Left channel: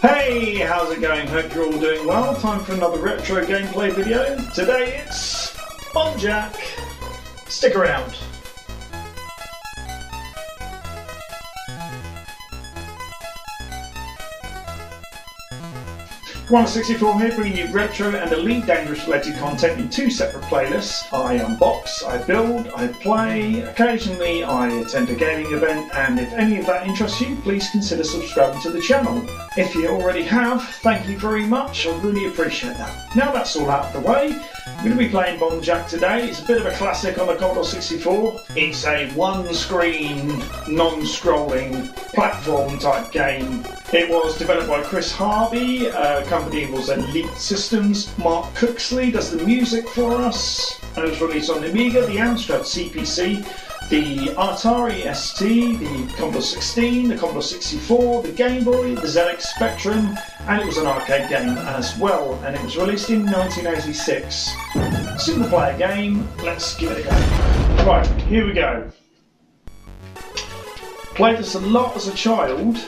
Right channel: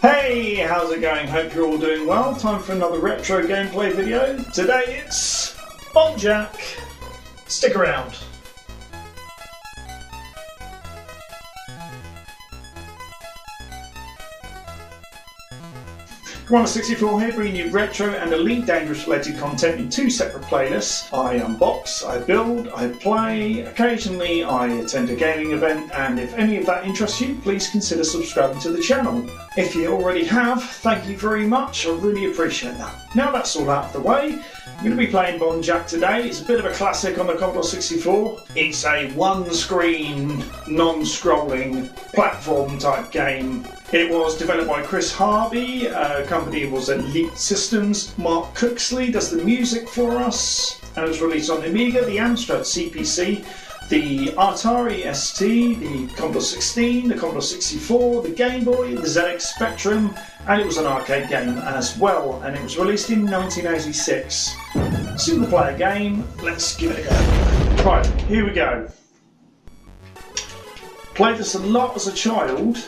Hey, how's it going? Hope you're all doing well. Time for another retro gameplay video. Today it's Bomb Jack. Stick around. Commodore 64 here, bringing you retro and Elite Dangerous related content in two separate playlists. I unbox, I build, I play, occasionally I attend a gaming event, and if any of that interests you, please consider subscribing to the channel. If you already have, thank you very much, I really appreciate that. Now that's all out of the way, I'm going to be playing Bomb Jack today. It's a bit of a classic on the Commodore 64. It's a one-screen, non-scrolling platform type game. It was developed by Chris Harvey, company was Elite Systems. Mark Cooksley does the music for us, and it was released on the Amiga, the Amstrad CPC, the Atari ST, the Commodore 16, the Commodore 64, the Game Boy, the ZX Spectrum, and it was an arcade game as well, and it was released in 1986. Single player game, let's give it a go. Right, here we go. Played this a lot as a child.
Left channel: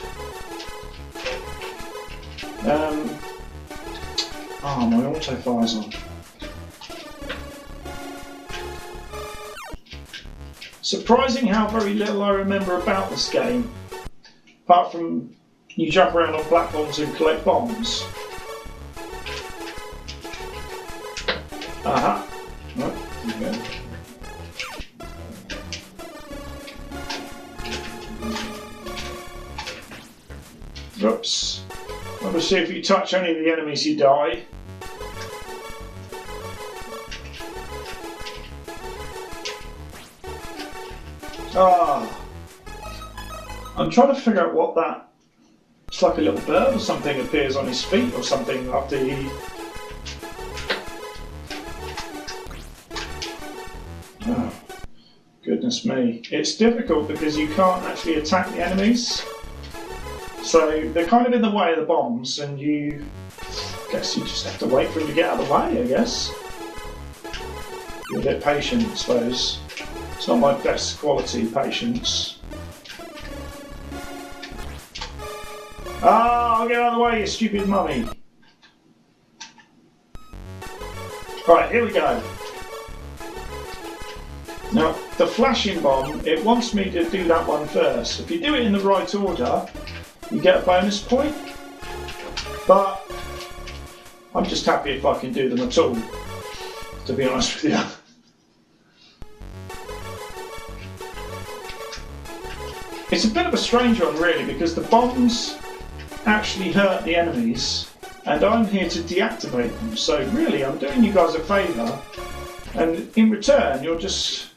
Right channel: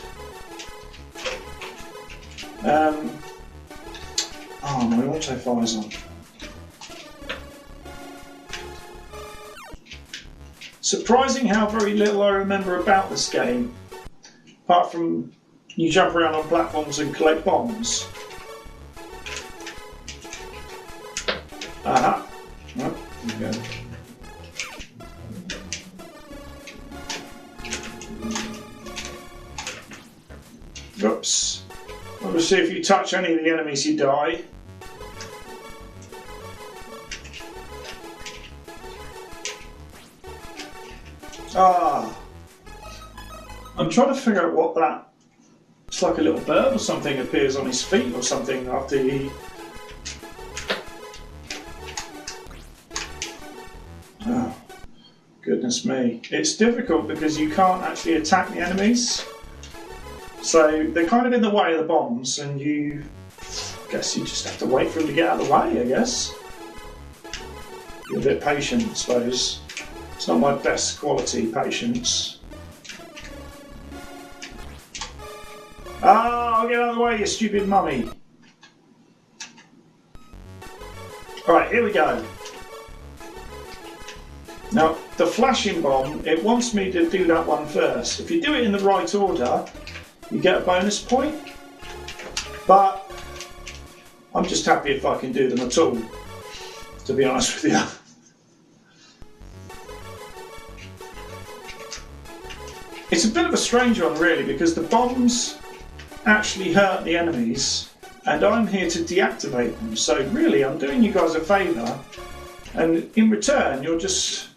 My auto-fire's on. Surprising how very little I remember about this game, apart from you jump around on platforms and collect bombs. Aha. Right, here we go. Oops. Obviously, if you touch any of the enemies, you die. I'm trying to figure out what that... It's like a little bird or something appears on his feet or something after he... Oh, goodness me. It's difficult because you can't actually attack the enemies. So they're kind of in the way of the bombs, and I guess you just have to wait for them to get out of the way, I guess. Be a bit patient, I suppose. It's not my best quality patience. I'll get out of the way, you stupid mummy. Right, here we go. Now, the flashing bomb, it wants me to do that one first. If you do it in the right order, you get a bonus point. But I'm just happy if I can do them at all, to be honest with you. It's a bit of a strange one, really, because the bombs actually hurt the enemies, and I'm here to deactivate them. So really, I'm doing you guys a favour, and in return, you're just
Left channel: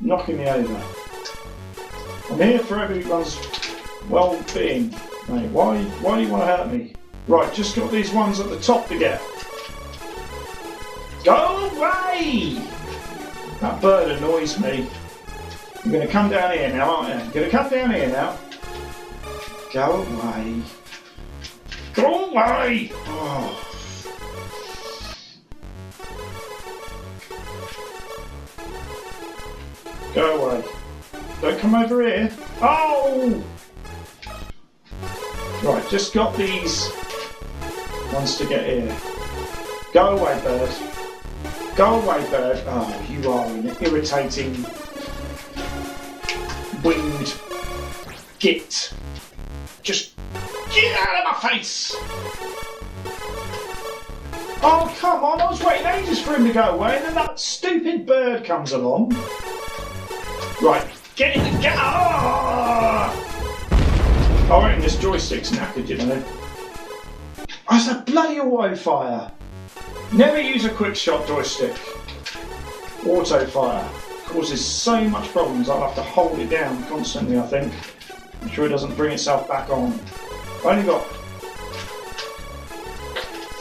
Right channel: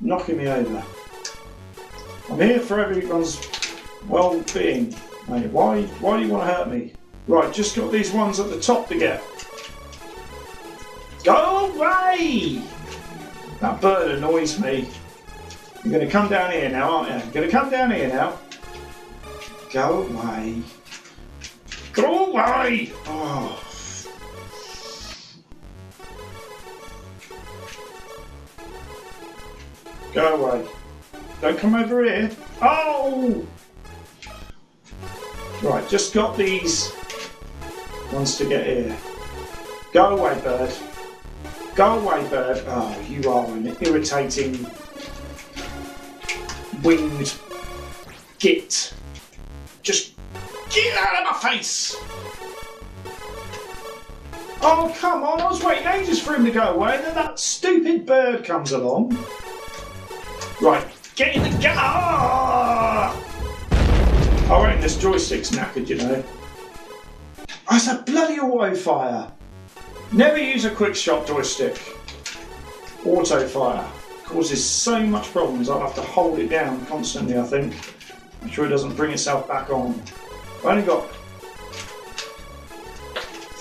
knocking me over. I'm here for everyone's well-being. Mate, why do you want to hurt me? Right, just got these ones at the top to get. Go away! That bird annoys me. You're going to come down here now, aren't you? You're going to come down here now. Go away. Go away! Oh. Go away. Don't come over here. Oh! Right, just got these ones to get here. Go away, bird. Go away, bird. Oh, you are an irritating winged git. Just get out of my face! Oh, come on, I was waiting ages for him to go away, and then that stupid bird comes along. Right, get in the get. I reckon this joystick's knackered, you know. Oh, it's a bloody auto fire. Never use a quick shot joystick. Auto fire causes so much problems. I'll have to hold it down constantly, I think. Make sure it doesn't bring itself back on. I've only got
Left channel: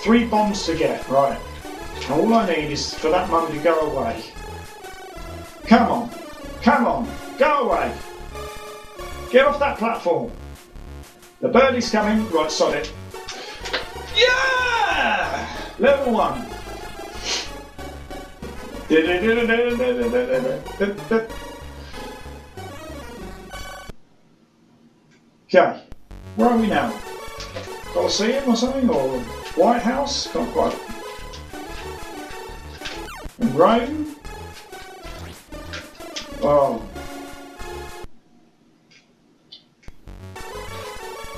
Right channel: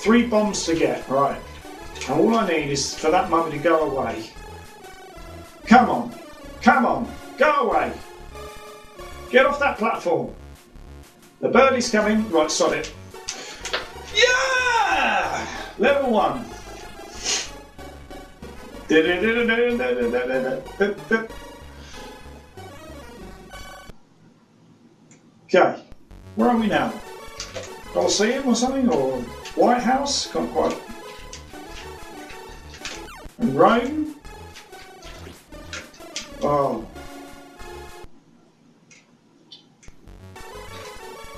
3 bombs to get, right. And all I need is for that mummy to go away. Come on. Come on. Go away. Get off that platform. The birdie's coming. Right, sod it. Yeah! Level 1. Okay. Where are we now? Colosseum or something? Or White House? Can't quite. In Rome? Oh.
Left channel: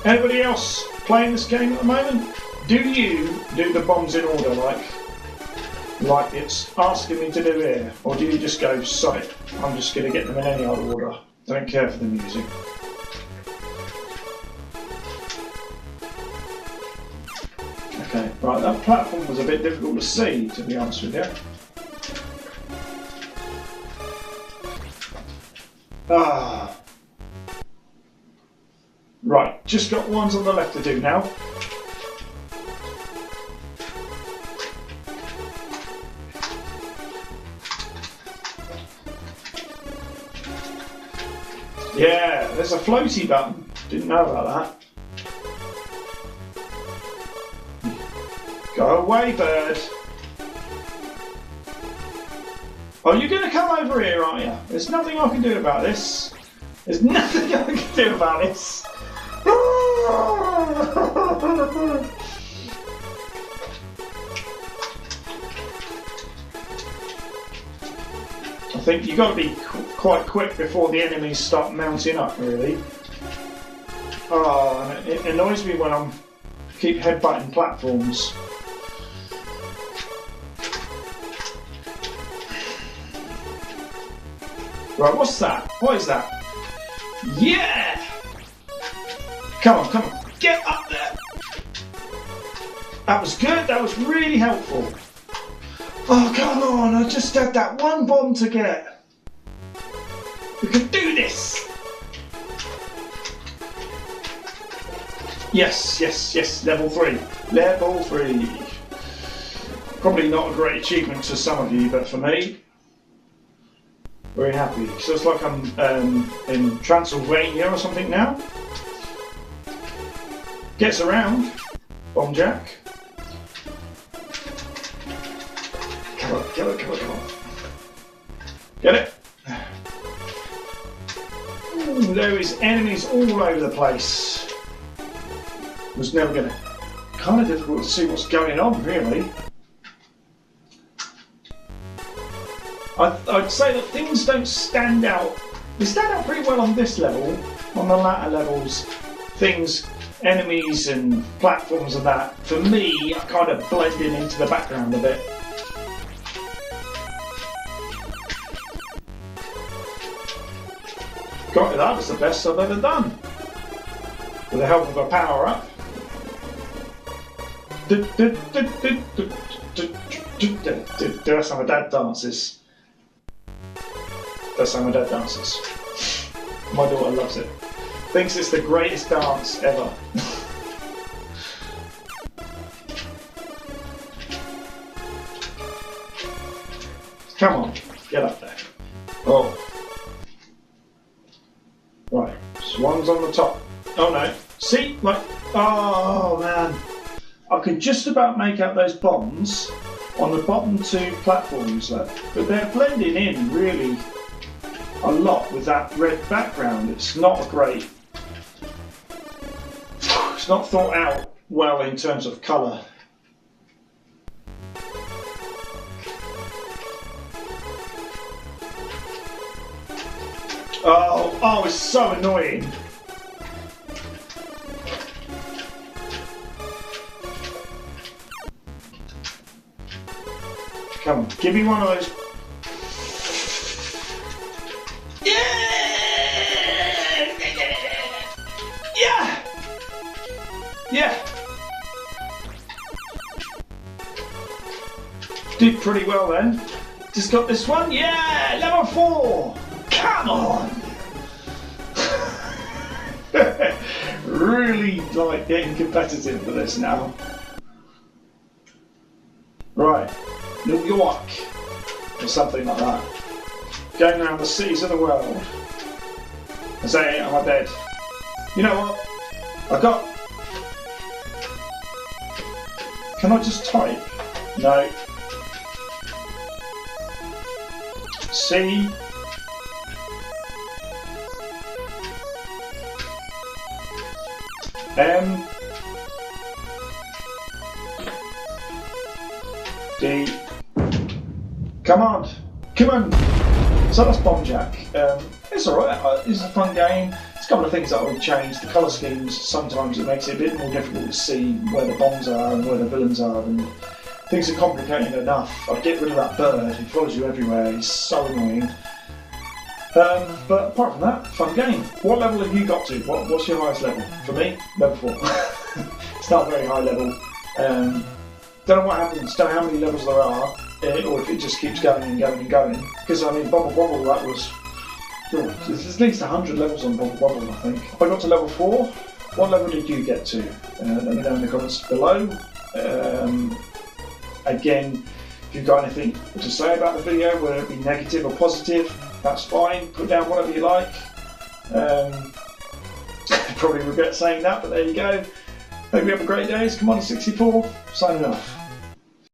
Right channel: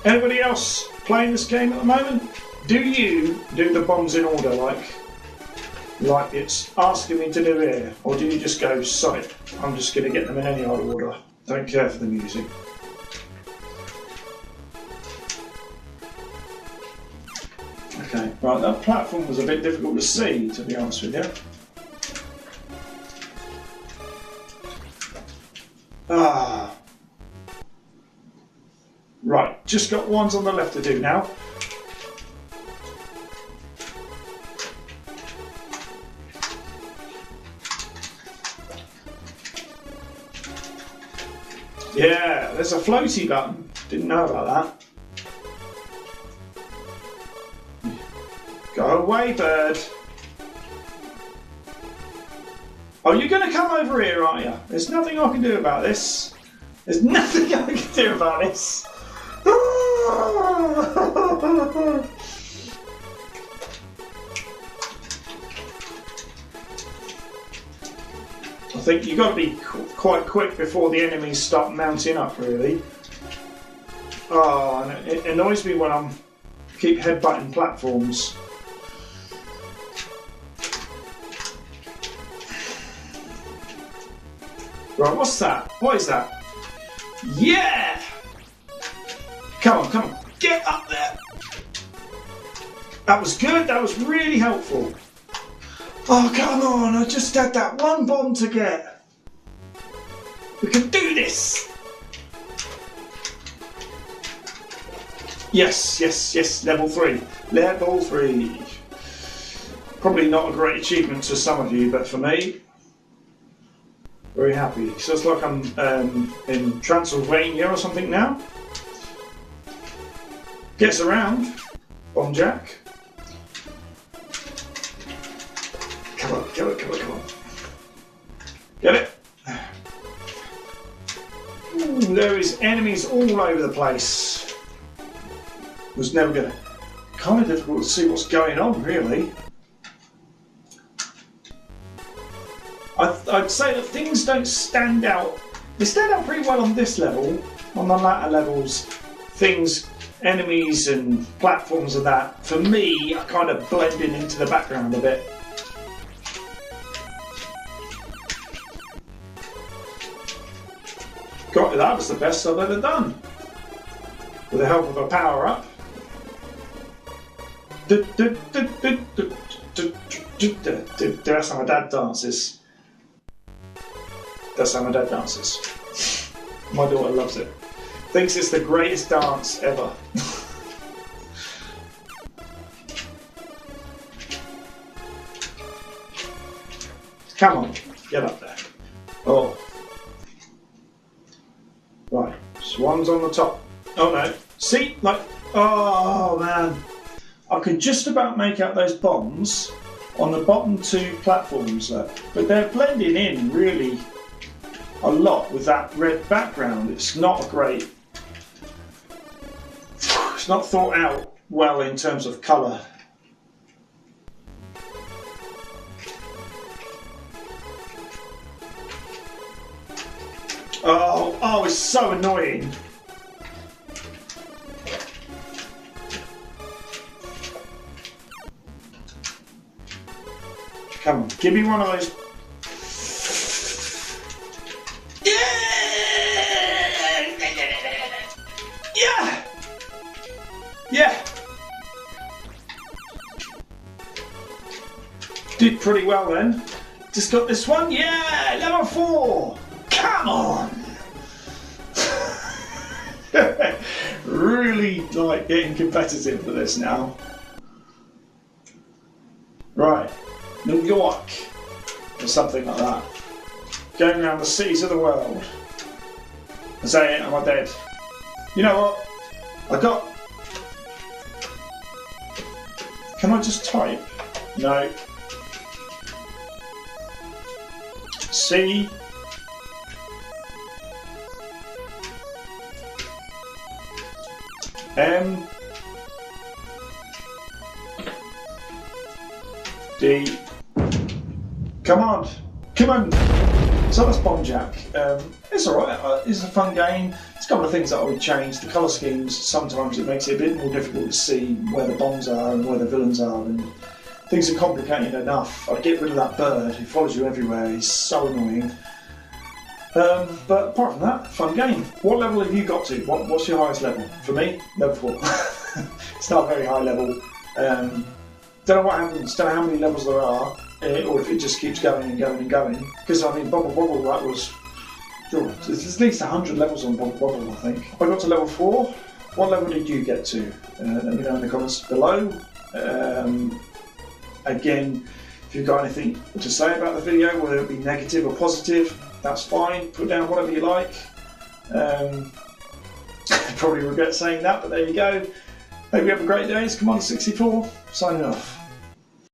Anybody else playing this game at the moment? Do you do the bombs in order like it's asking me to do here? Or do you just go, sight, I'm just going to get them in any old order? Don't care for the music. Okay, right, that platform was a bit difficult to see, to be honest with you. Ah. Right, just got ones on the left to do now. Yeah, there's a floaty button. Didn't know about that. Go away, bird. Oh, you're going to come over here, aren't you? There's nothing I can do about this. There's nothing I can do about this. I think you've got to be quite quick before the enemies start mounting up, really. Oh, and it annoys me when I keep headbutting platforms. Right, what's that? What is that? Yeah! Come on, come on. Get up there! That was good, that was really helpful. Oh, come on, I just had that one bomb to get. We can do this! Yes, yes, yes, level 3. Level 3. Probably not a great achievement to some of you, but for me, very happy. So it's like I'm in Transylvania or something now. Gets around. Bomb Jack. Come on, come on, come on, come on. Get it? Ooh, there is enemies all over the place. Was never going to... Kind of difficult to see what's going on, really. I'd say that things don't stand out. They stand out pretty well on this level. On the latter levels, things, enemies and platforms and that, for me, are kind of blending into the background a bit. Got it, that was the best I've ever done. With the help of a power-up. That's how my dad dances. That's how my dad dances. My daughter loves it. Thinks it's the greatest dance ever. Come on, get up there. Oh. Right, swans on the top. Oh no. See? Like, oh man. I can just about make out those bombs on the bottom two platforms, but they're blending in really a lot with that red background. It's not great. It's not thought out well in terms of colour. Oh, it's so annoying. Come on, give me one of those. Yeah! Yeah! Did pretty well then. Just got this one. Yeah! Level 4! Come on! Really like getting competitive with this now. Right. New York. Or something like that. Going around the cities of the world. I say it on my bed. You know what? I got... Can I just type? No. C. D. Come on! Come on! So that's Bomb Jack. It's alright, it's a fun game. There's a couple of things that I would change. The colour schemes, sometimes it makes it a bit more difficult to see where the bombs are and where the villains are, and things are complicated enough. I'd get rid of that bird who follows you everywhere, he's so annoying. But apart from that, fun game. What level have you got to? What's your highest level? For me, level 4. It's not a very high level. Don't know what happens, don't know how many levels there are, or if it just keeps going and going and going. Because I mean, Bubble Bobble, that was... there's at least 100 levels on Bubble Bobble, I think. I got to level 4. What level did you get to? Let me know in the comments below. Again, if you've got anything to say about the video, whether it be negative or positive, that's fine. Put down whatever you like. Probably regret saying that, but there you go. Hope you have a great day. It's Commodore 64, signing off.